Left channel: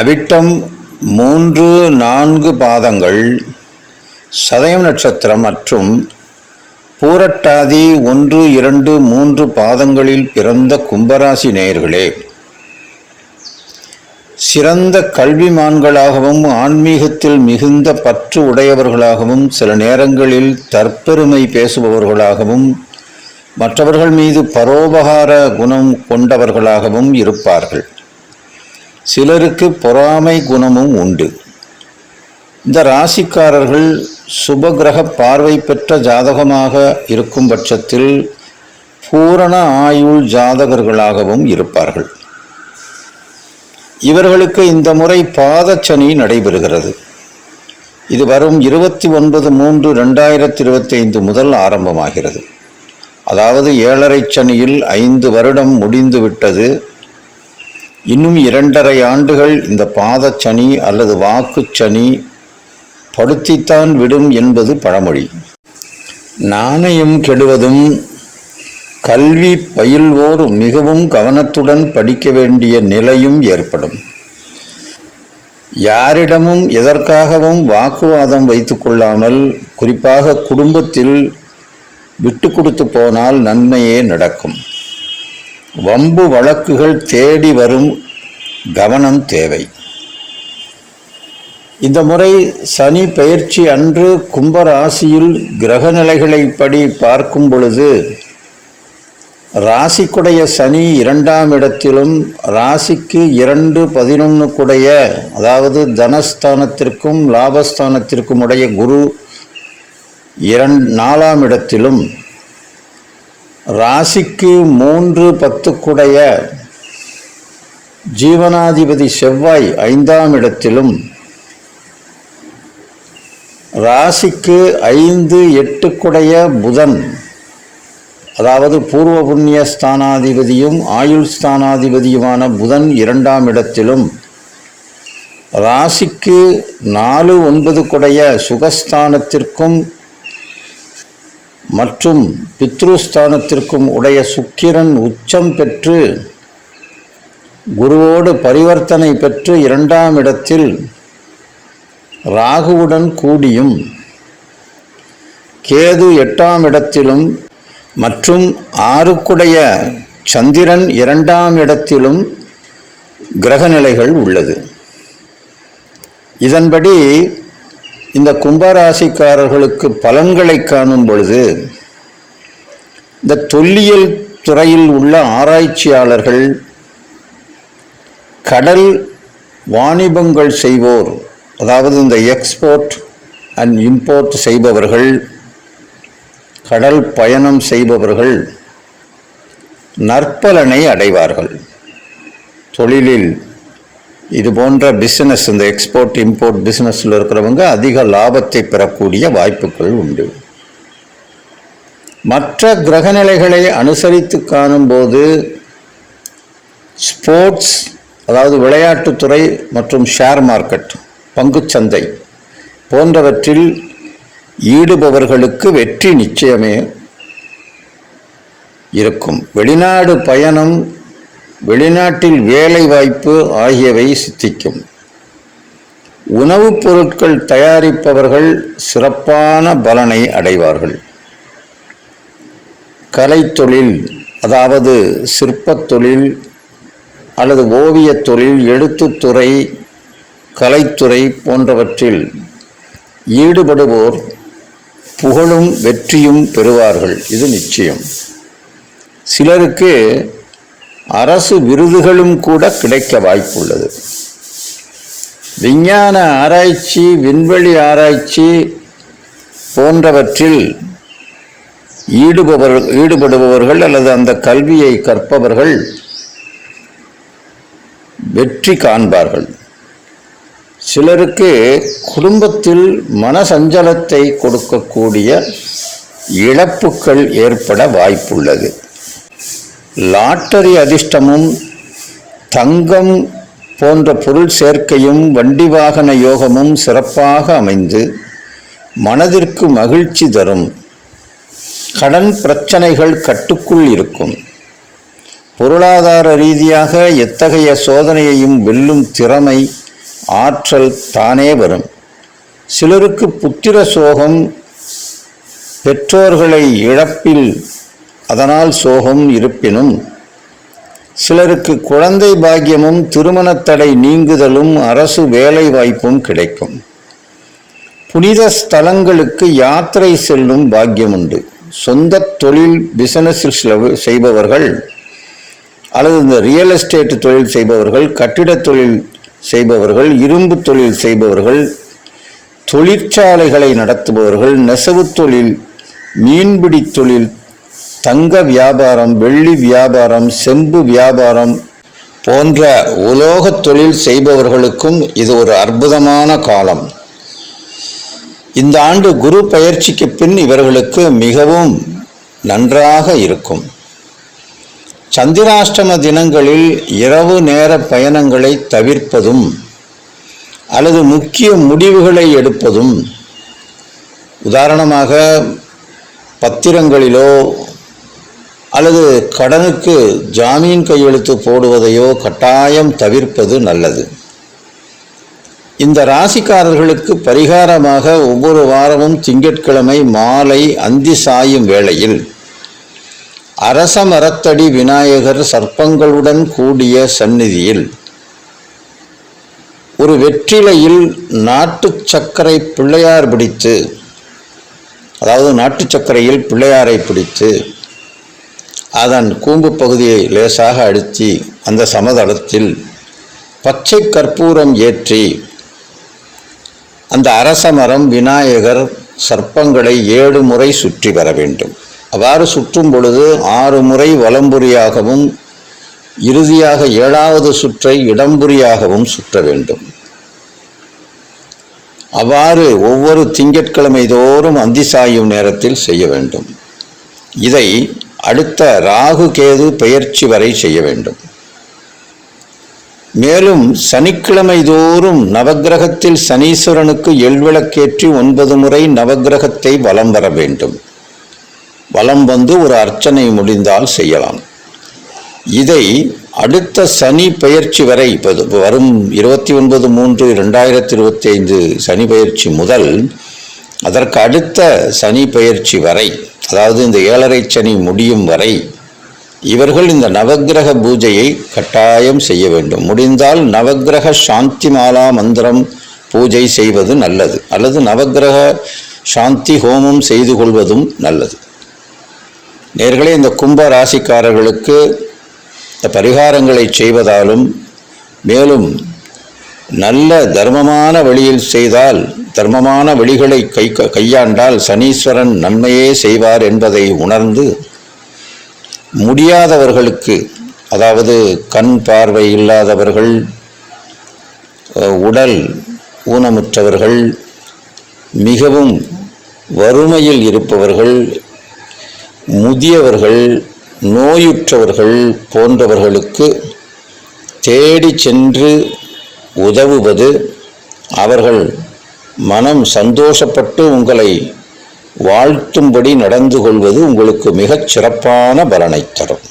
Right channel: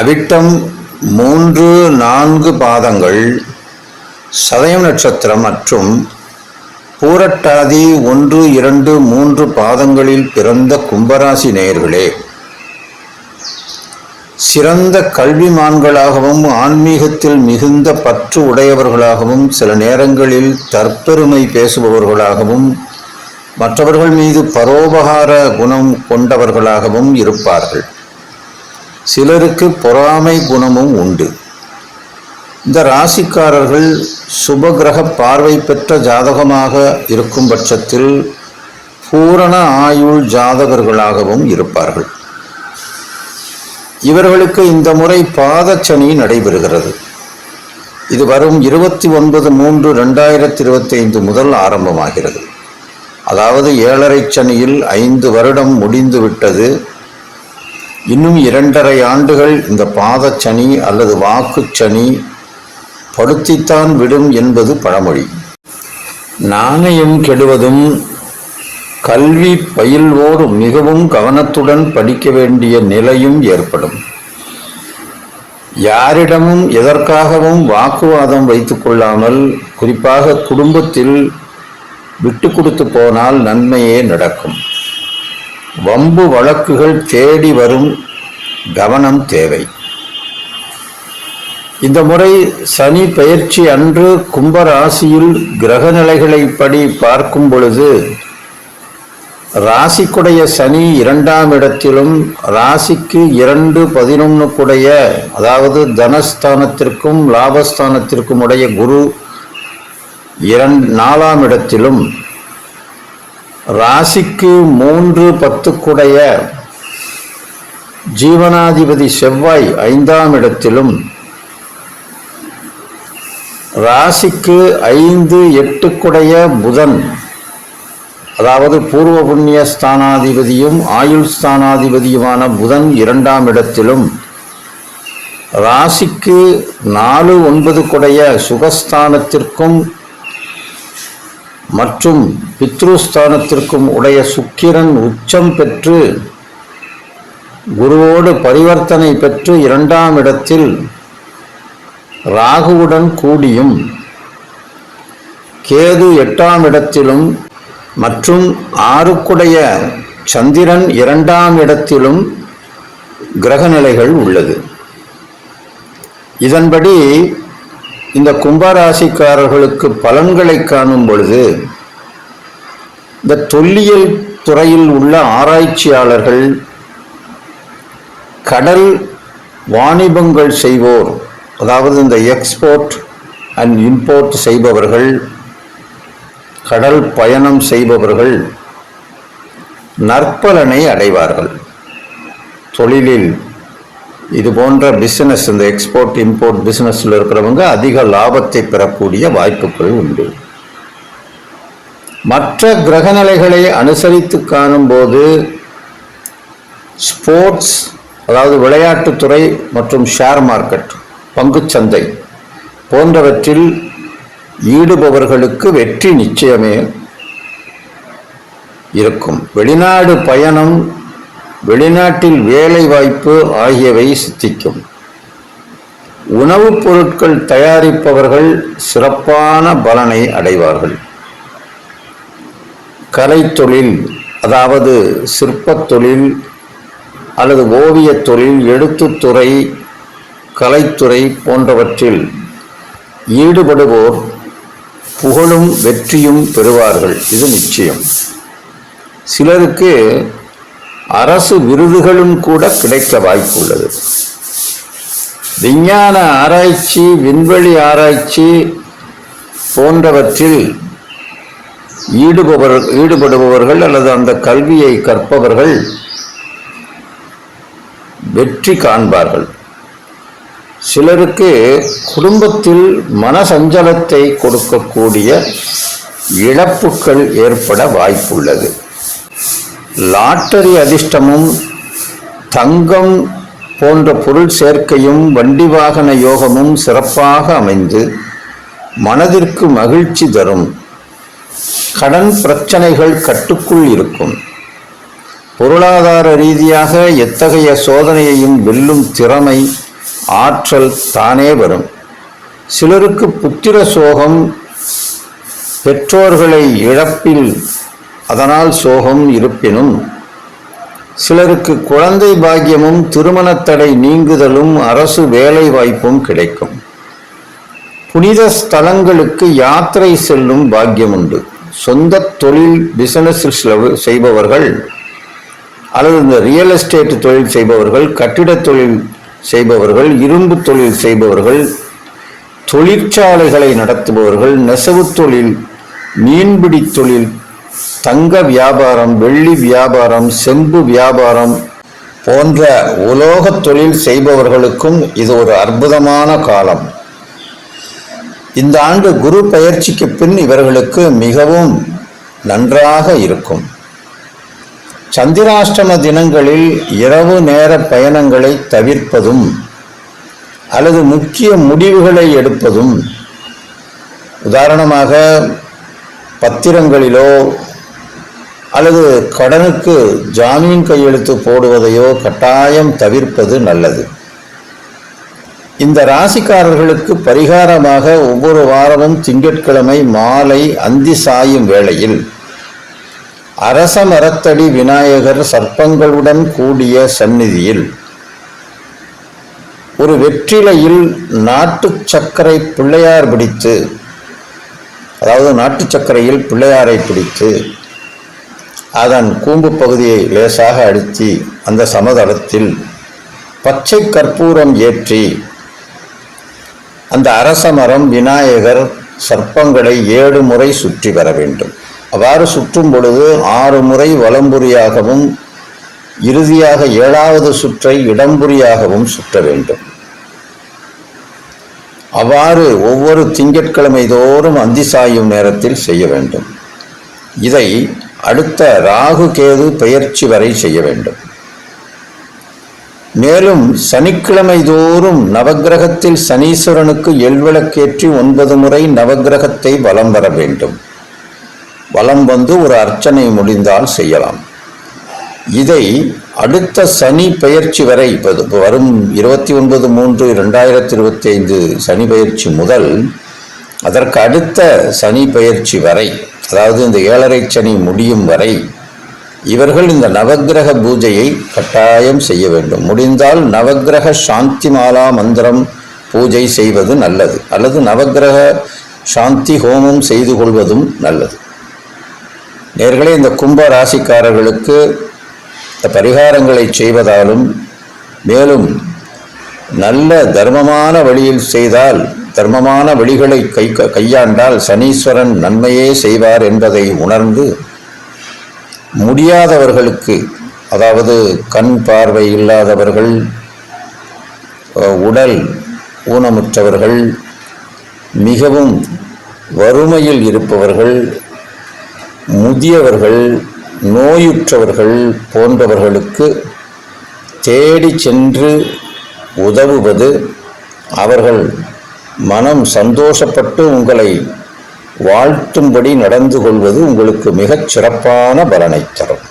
அவிட்டம் 3-4 பாதங்கள், சதயம் நட்சத்திரம் மற்றும் பூரட்டாதி 1-2-3 பாதங்களில் பிறந்த கும்பராசி நேயர்களே, சிறந்த கல்விமான்களாகவும் ஆன்மீகத்தில் மிகுந்த பற்று உடையவர்களாகவும் சில நேரங்களில் தற்பெருமை பேசுபவர்களாகவும் மற்றவர்கள் மீது பரோபகார குணம் கொண்டவர்களாகவும் இருப்பார்கள். சிலருக்கு பொறாமை குணமும் உண்டு. இந்த ராசிக்காரர்கள் சுபகிரக பார்வை பெற்ற ஜாதகமாக இருக்கும் பட்சத்தில் பூரண ஆயுள் ஜாதகர்களாகவும் இருப்பார்கள். இவர்களுக்கு இந்த முறை பாதச்சனி நடைபெறுகிறது. இது வரும் 29/3/2025 முதல் ஆரம்பமாகிறது. அதாவது 7.5 சனியில் 5 வருடம் முடிந்து விட்டது. இன்னும் 2.5 ஆண்டுகள் இந்த பாதச்சனி அல்லது வாக்குச்சனி படுத்தித்தான் விடும் என்பது பழமொழி. நாணயம் கெடுவதும் கல்வி பயில்வோர் மிகவும் கவனத்துடன் படிக்க வேண்டிய நிலையும் ஏற்படும். யாரிடமும் எதற்காகவும் வாக்குவாதம் வைத்து கொள்ளாமல், குறிப்பாக குடும்பத்தில் விட்டு கொடுத்து போனால் நன்மையே நடக்கும். வம்பு வழக்குகள் தேடி வரும், கவனம் தேவை. இந்த முறை சனி பெயர்ச்சி அன்று கும்பராசியில் கிரக நிலைகளைப்படி பார்க்கும் பொழுது ராசிக்குடைய சனி 2ஆம் இடத்திலும், ராசிக்கு 2-11 குடைய, அதாவது தனஸ்தானத்திற்கும் லாபஸ்தானத்திற்கும் உடைய குரு 4ஆம் இடத்திலும், ராசிக்கு 3-10 குடைய ஜீவனாதிபதி செவ்வாய் 5ஆம் இடத்திலும், ராசிக்கு 5-8 குடைய புதன், அதாவது பூர்வ புண்ணிய ஸ்தானாதிபதியும் ஆயுள் ஸ்தானாதிபதியுமான புதன் 2ஆம் இடத்திலும், ராசிக்கு 4-9 குடைய சுகஸ்தானத்திற்கும் மற்றும் பித்ருஸ்தானத்திற்கும் உடைய சுக்கிரன் உச்சம் பெற்று குருவோடு பரிவர்த்தனை பெற்று 2ஆம் இடத்தில் ராகுவுடன் கூடியும், கேது 8ஆம் இடத்திலும் மற்றும் 6 குடைய சந்திரன் 2ஆம் இடத்திலும் கிரகநிலைகள் உள்ளது. இதன்படி இந்த கும்பராசிக்காரர்களுக்கு பலன்களை காணும் பொழுது, இந்த தொல்லியல் துறையில் உள்ள ஆராய்ச்சியாளர்கள், கடல் வாணிபங்கள் செய்வோர், அதாவது இந்த எக்ஸ்போர்ட் அண்ட் இம்போர்ட் செய்பவர்கள், கடல் பயணம் செய்பவர்கள் நற்பலனை அடைவார்கள். தொழிலில் இது போன்ற பிஸ்னஸ், இந்த எக்ஸ்போர்ட் இம்போர்ட் பிஸ்னஸில் இருக்கிறவங்க அதிக லாபத்தை பெறக்கூடிய வாய்ப்புகள் உண்டு. மற்ற கிரகநிலைகளை அனுசரித்து காணும்போது ஸ்போர்ட்ஸ், அதாவது விளையாட்டுத்துறை மற்றும் ஷேர் மார்க்கெட், பங்குச்சந்தை போன்றவற்றில் ஈடுபவர்களுக்கு வெற்றி நிச்சயமே இருக்கும். வெளிநாடு பயணம், வெளிநாட்டில் வேலை வாய்ப்பு ஆகியவை சித்திக்கும். உணவுப் பொருட்கள் தயாரிப்பவர்கள் சிறப்பான பலனை அடைவார்கள். கலைத்தொழில், அதாவது சிற்பத் தொழில் அல்லது ஓவியத் தொழில், எழுத்துத்துறை, கலைத்துறை போன்றவற்றில் ஈடுபடுவோர் புகழும் வெற்றியும் பெறுவார்கள். இது நிச்சயம். சிலருக்கு அரசு விருதுகளும் கூட கிடைக்க வாய்ப்புள்ளது. விஞ்ஞான ஆராய்ச்சி, விண்வெளி ஆராய்ச்சி போன்றவற்றில் ஈடுபடுபவர்கள் அல்லது அந்த கல்வியை கற்பவர்கள் வெற்றி காண்பார்கள். சிலருக்கு குடும்பத்தில் மனசஞ்சலத்தை கொடுக்கக்கூடிய இழப்புகள் ஏற்பட வாய்ப்புள்ளது. லாட்டரி அதிர்ஷ்டமும் தங்கம் போன்ற பொருள் சேர்க்கையும் வண்டி வாகன யோகமும் சிறப்பாக அமைந்து மனதிற்கு மகிழ்ச்சி தரும். கடன் பிரச்சனைகள் கட்டுக்குள் இருக்கும். பொருளாதார ரீதியாக எத்தகைய சோதனையையும் வெல்லும் திறமை, ஆற்றல் தானே வரும். சிலருக்கு புத்திர சோகம், பெற்றோர்களை இழப்பில் அதனால் சோகம் இருப்பினும், சிலருக்கு குழந்தை பாக்கியமும் திருமணத்தடை நீங்குதலும் அரசு வேலை வாய்ப்பும் கிடைக்கும். புனித ஸ்தலங்களுக்கு யாத்திரை செல்லும் பாக்கியம் உண்டு. சொந்த தொழில் பிசினஸ் செய்பவர்கள் அல்லது இந்த ரியல் எஸ்டேட் தொழில் செய்பவர்கள், கட்டிட தொழில் செய்பவர்கள், இரும்பு தொழில் செய்பவர்கள், தொழிற்சாலைகளை நடத்துபவர்கள், நெசவு தொழில், மீன்பிடி தொழில், தங்க வியாபாரம், வெள்ளி வியாபாரம், செம்பு வியாபாரம் போன்ற உலோக தொழில் செய்பவர்களுக்கும் இது ஒரு அற்புதமான காலம். இந்த ஆண்டு குரு பயிற்சிக்கு பின் இவர்களுக்கு மிகவும் நன்றாக இருக்கும். சந்திராஷ்டம தினங்களில் இரவு நேர பயணங்களை தவிர்ப்பதும் அல்லது முக்கிய முடிவுகளை எடுப்பதும், உதாரணமாக பத்திரங்களிலோ அல்லது கடனுக்கு ஜாமீன் கையெழுத்து போடுவதையோ கட்டாயம் தவிர்ப்பது நல்லது. இந்த ராசிக்காரர்களுக்கு பரிகாரமாக ஒவ்வொரு வாரமும் திங்கட்கிழமை மாலை அந்தி சாயும் வேளையில் அரச மரத்தடி விநாயகர் சர்ப்பங்களுடன் கூடிய சந்நிதியில் ஒரு வெற்றிலையில் நாட்டு சர்க்கரை பிள்ளையார் பிடித்து, அதாவது நாட்டு சர்க்கரையில் பிள்ளையாரை பிடித்து அதன் கூம்பு பகுதியை லேசாக அழுத்தி அந்த சமதளத்தில் பச்சை கற்பூரம் ஏற்றி அந்த அரச மரம், விநாயகர், சர்ப்பங்களை 7 முறை சுற்றி வர வேண்டும். அவ்வாறு சுற்றும் பொழுது 6 முறை வலம்புரியாகவும் இறுதியாக 7வது சுற்றை இடம்புரியாகவும் சுற்ற வேண்டும். அவ்வாறு ஒவ்வொரு திங்கட்கிழமை தோறும் அந்தி சாயும் நேரத்தில் செய்ய வேண்டும். இதை அடுத்த ராகு கேது பெயர்ச்சி வரை செய்ய வேண்டும். மேலும் சனிக்கிழமை தோறும் நவக்கிரகத்தில் சனீஸ்வரனுக்கு எள்விளக்கேற்றி 9 முறை நவக்கிரகத்தை வலம் வர வேண்டும். வலம் வந்து ஒரு அர்ச்சனை முடிந்தால் செய்யலாம். இதை அடுத்த சனி பெயர்ச்சி வரை, வரும் 29/3/2025 சனி பெயர்ச்சி முதல் அதற்கு அடுத்த சனி பெயர்ச்சி வரை, அதாவது இந்த 7.5 சனி முடியும் வரை இவர்கள் இந்த நவக்கிரக பூஜையை கட்டாயம் செய்ய வேண்டும். முடிந்தால் நவக்கிரக சாந்தி மாலா மந்திரம் பூஜை செய்வது நல்லது, அல்லது நவக்கிரக சாந்தி ஹோமம் செய்து கொள்வதும் நல்லது. நேர்களே, இந்த கும்ப ராசிக்காரர்களுக்கு இந்த பரிகாரங்களை செய்வதாலும், மேலும் நல்ல தர்மமான வழியில் செய்தால், தர்மமான வழிகளை கையாண்டால் சனீஸ்வரன் நன்மையே செய்வார் என்பதை உணர்ந்து, முடியாதவர்களுக்கு, அதாவது கண் பார்வை இல்லாதவர்கள், உடல் ஊனமுற்றவர்கள், மிகவும் வறுமையில் இருப்பவர்கள், முதியவர்கள், நோயுற்றவர்கள் போன்றவர்களுக்கு தேடி சென்று உதவுவது, அவர்கள் மனம் சந்தோஷப்பட்டு உங்களை வாழ்த்தும்படி நடந்து கொள்வது உங்களுக்கு மிகச் சிறப்பான பலனை தரும்.